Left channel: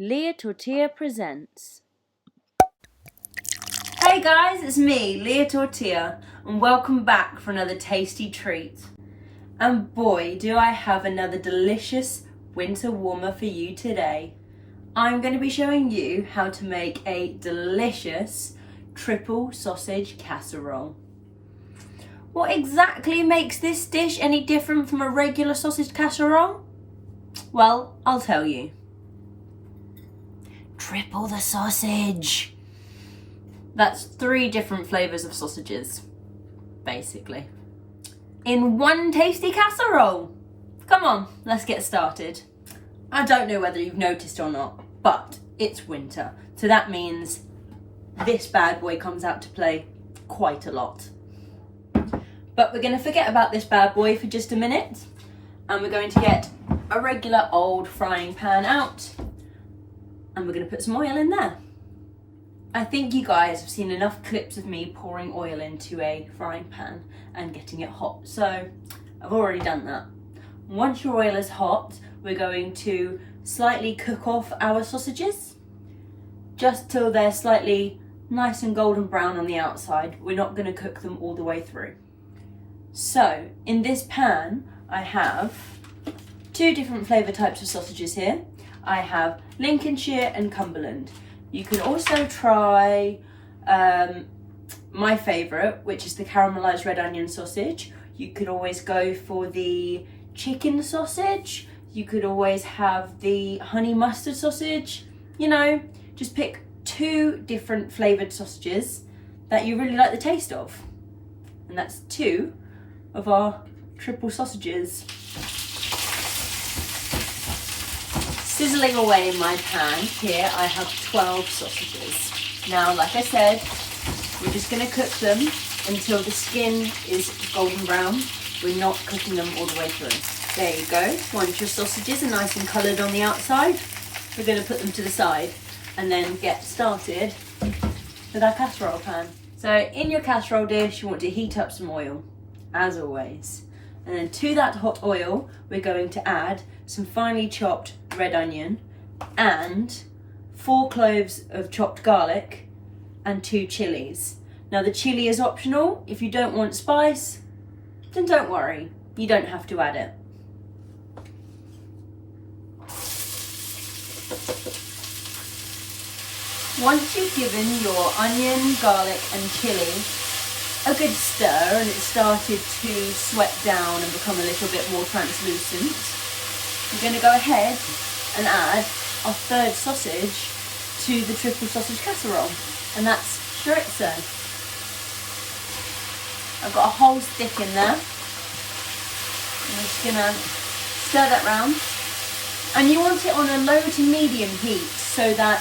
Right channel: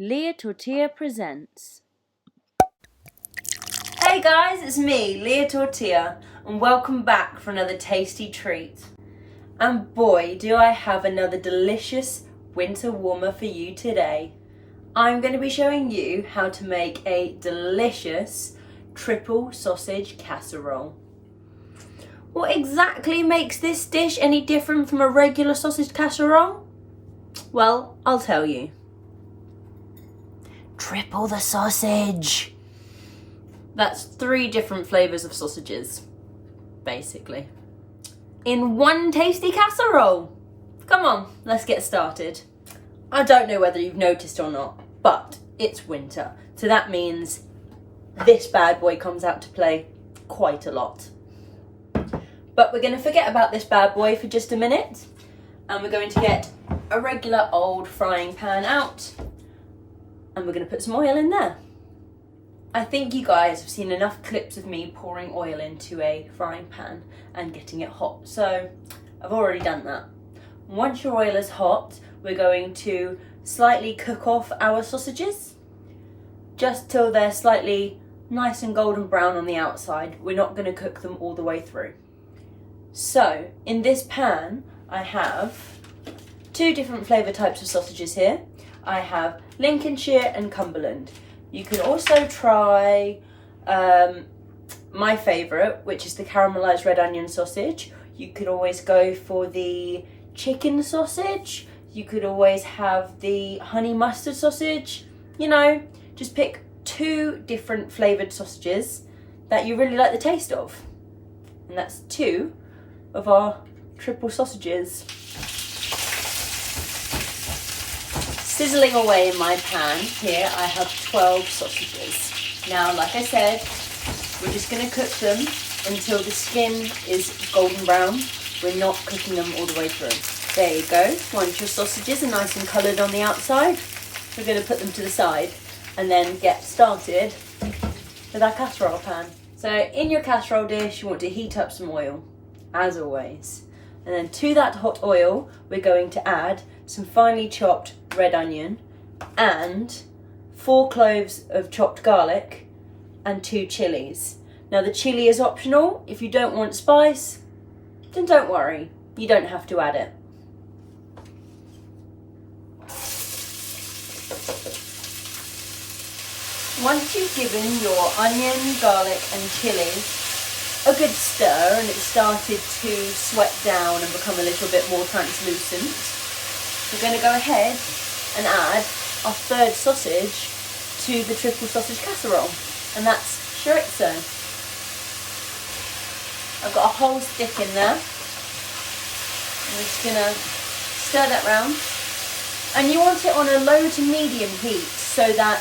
Leah Tortilla presents. Hey guys, it's me, Leah Tortilla, and welcome back for another tasty treat. And boy, do I have another delicious winter warmer for you today. I'm going to be showing you how to make a delicious triple sausage casserole. What exactly makes this dish any different from a regular sausage casserole? Well, I'll tell you. Triple the sausage. That's 3 different flavours of sausages, basically, in one tasty casserole. Come on, let's get started. I don't know whether you've noticed or not, but it's winter, so that means this bad boy comes out to play quite a lot. But we're going to forget about this bad boy for just a minute, and we're going to get a regular old frying pan out, and we're going to put some oil in there. I think you guys have seen enough clips of me pouring oil into a frying pan and getting it hot, so I've already done that. Once your oil is hot, we're going to slightly cook off our sausages, just till they're slightly nice and golden brown on the outside. We're not going to cook them all the way through. So in this pan, I have 2 different flavour types of sausages here. I have Lincolnshire and Cumberland. You can also try my favourite, which is the caramelised red onion sausage. You could always go for the chicken sausage. You could always have the honey mustard sausage. You know, just pick 2 different flavoured sausages that you really like the taste of. And that's 2 of our triple sausages. Sizzling away in my pan, here I have 12 sausages. Now, like I said, we're just going to cook them until the skin is golden brown. We're not cooking them all the way through. There you go. Once your sausages are nice and coloured on the outside, we're going to put them to the side and then get started with our casserole pan. So in your casserole dish, you want to heat up some oil, as always. And then to that hot oil, we're going to add some finely chopped red onion and 4 cloves of chopped garlic and 2 chillies. Now the chilli is optional. If you don't want spice, then don't worry, you don't have to add it. Once you've given your onion, garlic and chilli a good stir and it's started to sweat down and become a little bit more translucent, we're going to go ahead and add our 3rd sausage to the triple sausage casserole, and that's chorizo. I've got a whole stick in there. I'm just going to stir that round, and you want it on a low to medium heat so that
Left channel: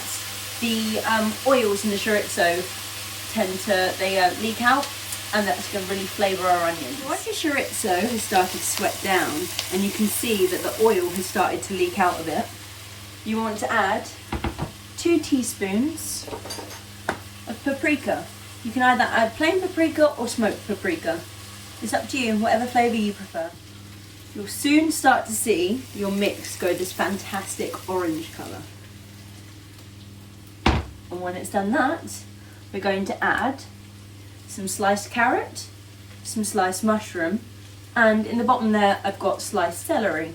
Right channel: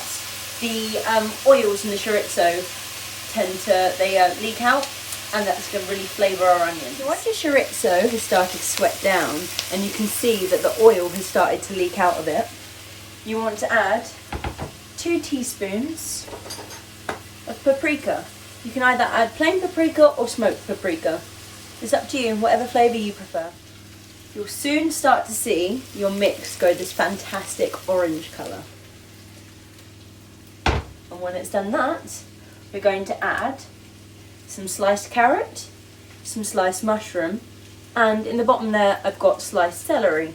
the oils in the chorizo leak out, and that's going to really flavour our onions. So once the chorizo has started to sweat down and you can see that the oil has started to leak out of it, you want to add 2 teaspoons of paprika. You can either add plain paprika or smoked paprika. It's up to you, whatever flavour you prefer. You'll soon start to see your mix go this fantastic orange colour. And when it's done that, we're going to add some sliced carrot, some sliced mushroom, and in the bottom there I've got sliced celery.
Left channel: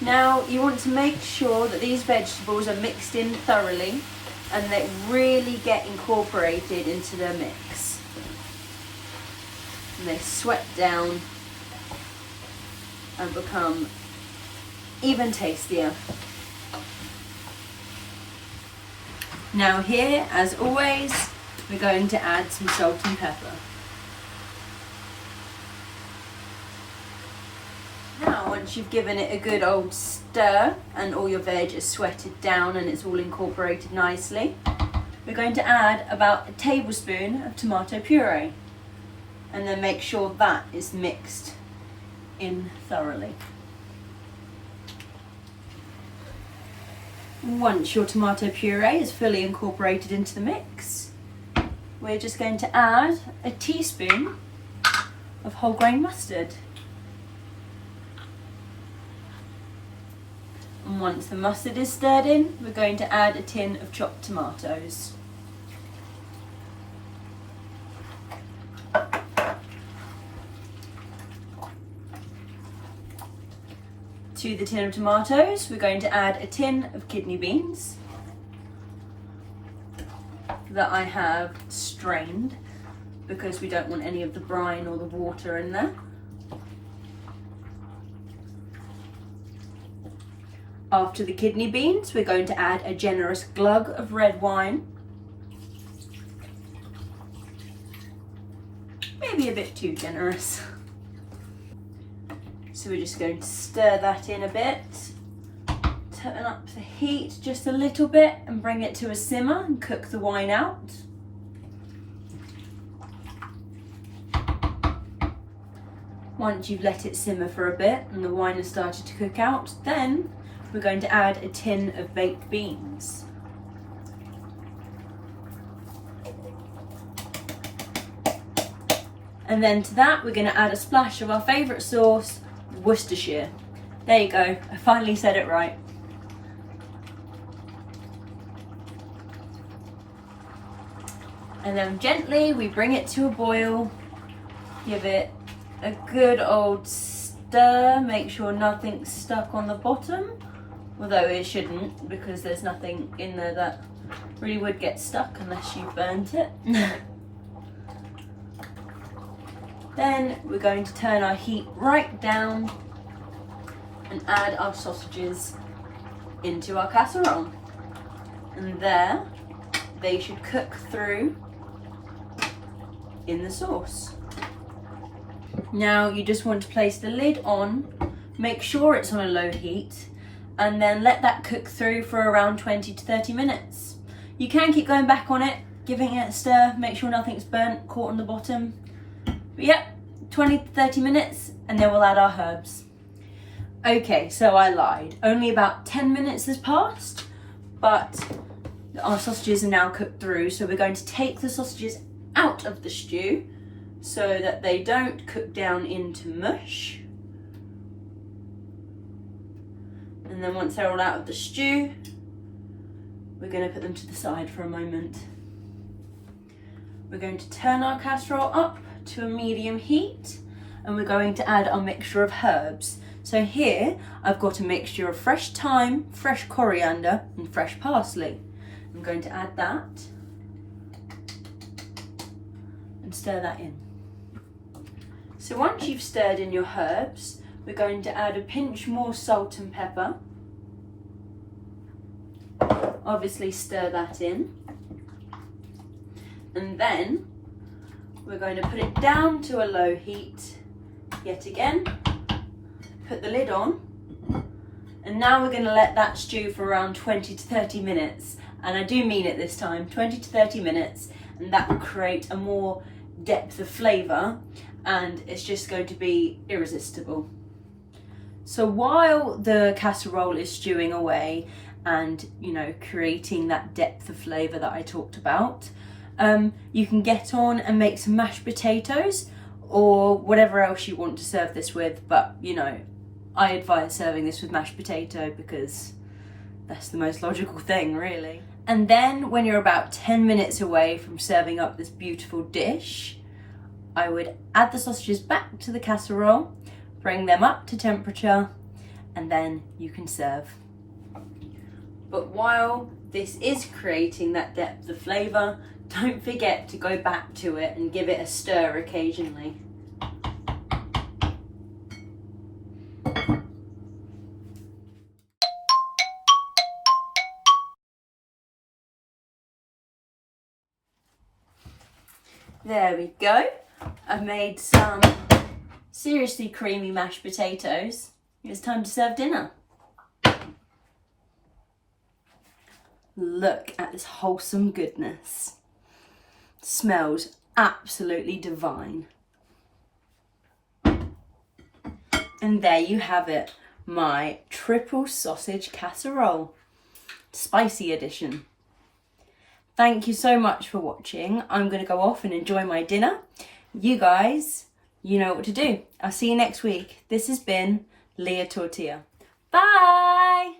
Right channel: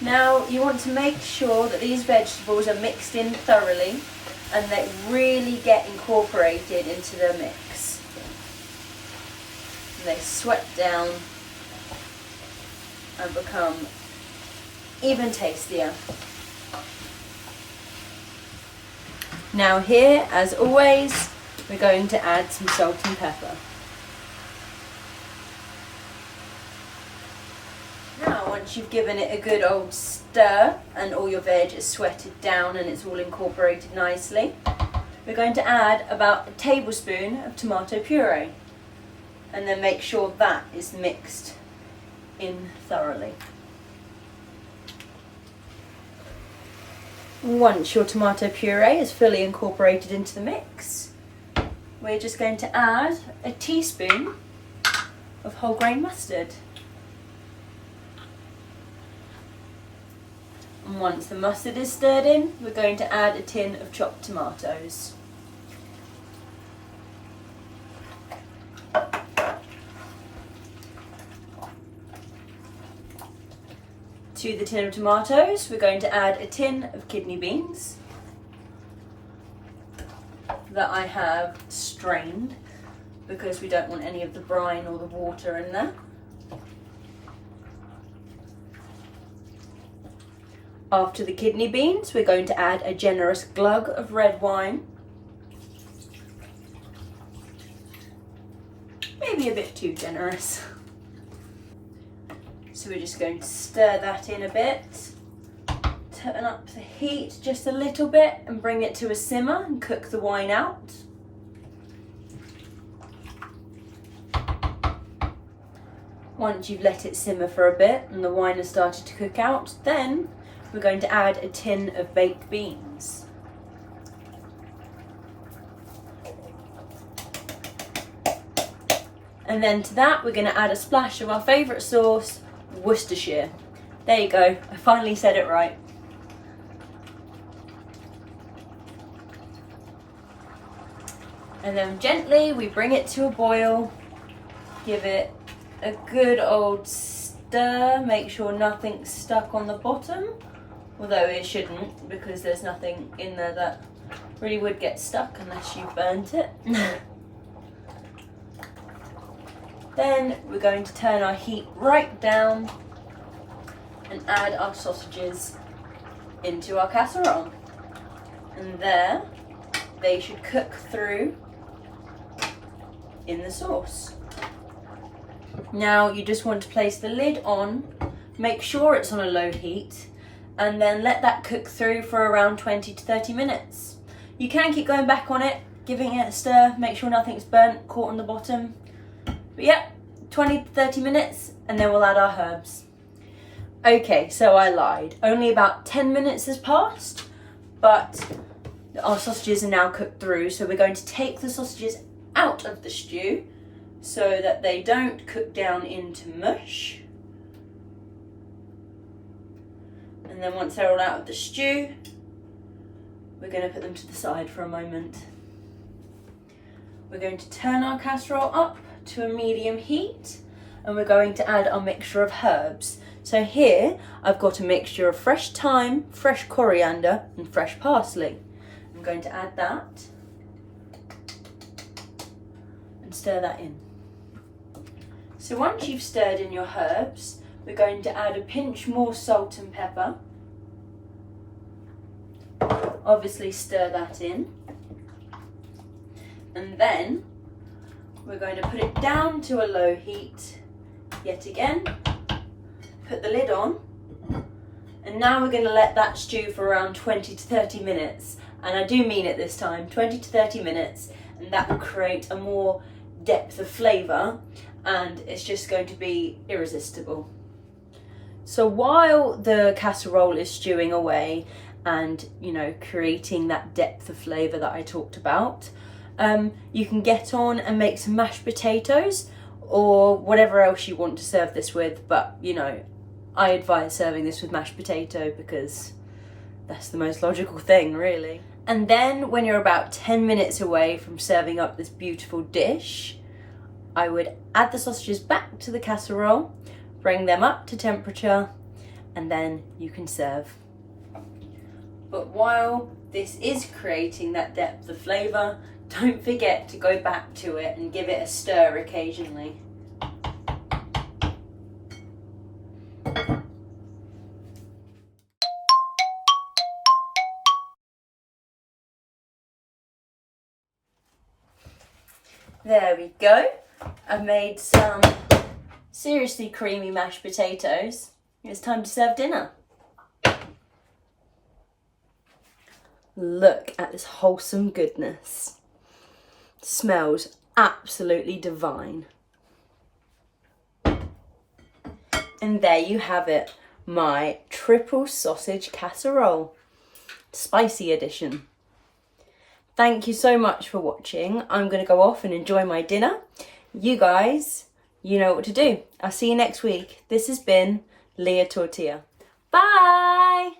Now you want to make sure that these vegetables are mixed in thoroughly and they really get incorporated into the mix. And they sweat down and become even tastier. Now here, as always, we're going to add some salt and pepper. Now, once you've given it a good old stir and all your veg is sweated down and it's all incorporated nicely, we're going to add about a tablespoon of tomato puree and then make sure that is mixed in thoroughly. Once your tomato puree is fully incorporated into the mix, we're just going to add a teaspoon of whole grain mustard. And once the mustard is stirred in, we're going to add a tin of chopped tomatoes. To the tin of tomatoes, we're going to add a tin of kidney beans that I have strained because we don't want any of the brine or the water in there. After the kidney beans, we're going to add a generous glug of red wine. Maybe a bit too generous. So we're just going to stir that in a bit, turn up the heat just a little bit and bring it to a simmer and cook the wine out. Once you've let it simmer for a bit and the wine has started to cook out, then we're going to add a tin of baked beans. And then to that, we're going to add a splash of our favourite sauce, Worcestershire. There you go, I finally said it right. And then gently we bring it to a boil, give it a good old stir, make sure nothing's stuck on the bottom, although it shouldn't because there's nothing in there that really would get stuck unless you burnt it. Then we're going to turn our heat right down and add our sausages into our casserole. And there, they should cook through in the sauce. Now you just want to place the lid on, make sure it's on a low heat, and then let that cook through for around 20 to 30 minutes. You can keep going back on it, giving it a stir, make sure nothing's burnt, caught on the bottom. But yeah, 20 to 30 minutes and then we'll add our herbs. Okay, so I lied. Only about 10 minutes has passed, but our sausages are now cooked through, so we're going to take the sausages out of the stew so that they don't cook down into mush. And then once they're all out of the stew, we're going to put them to the side for a moment. We're going to turn our casserole up to a medium heat and we're going to add our mixture of herbs. So here I've got a mixture of fresh thyme, fresh coriander and fresh parsley. I'm going to add that and stir that in. So once you've stirred in your herbs, we're going to add a pinch more salt and pepper. Obviously stir that in. And then we're going to put it down to a low heat yet again, put the lid on, and now we're going to let that stew for around 20 to 30 minutes. And I do mean it this time, 20 to 30 minutes, and that will create a more depth of flavour and it's just going to be irresistible. So while the casserole is stewing away and, you know, creating that depth of flavour that I talked about, you can get on and make some mashed potatoes or whatever else you want to serve this with, but you know, I advise serving this with mashed potato because that's the most logical thing, really. And then when you're about 10 minutes away from serving up this beautiful dish, I would add the sausages back to the casserole, bring them up to temperature, and then you can serve. But while this is creating that depth of flavour, don't forget to go back to it and give it a stir occasionally. There we go. I've made some seriously creamy mashed potatoes. It's time to serve dinner. Look at this wholesome goodness. Smells absolutely divine. And there you have it, my triple sausage casserole, spicy edition. Thank you so much for watching. I'm going to go off and enjoy my dinner. You guys, you know what to do. I'll see you next week. This has been Leah Tortilla. Bye!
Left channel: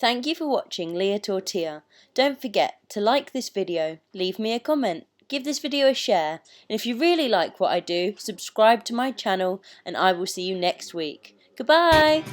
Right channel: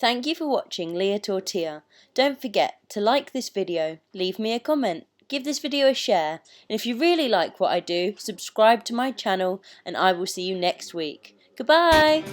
Thank you for watching Leah Tortilla. Don't forget to like this video, leave me a comment, give this video a share, and if you really like what I do, subscribe to my channel and I will see you next week. Goodbye!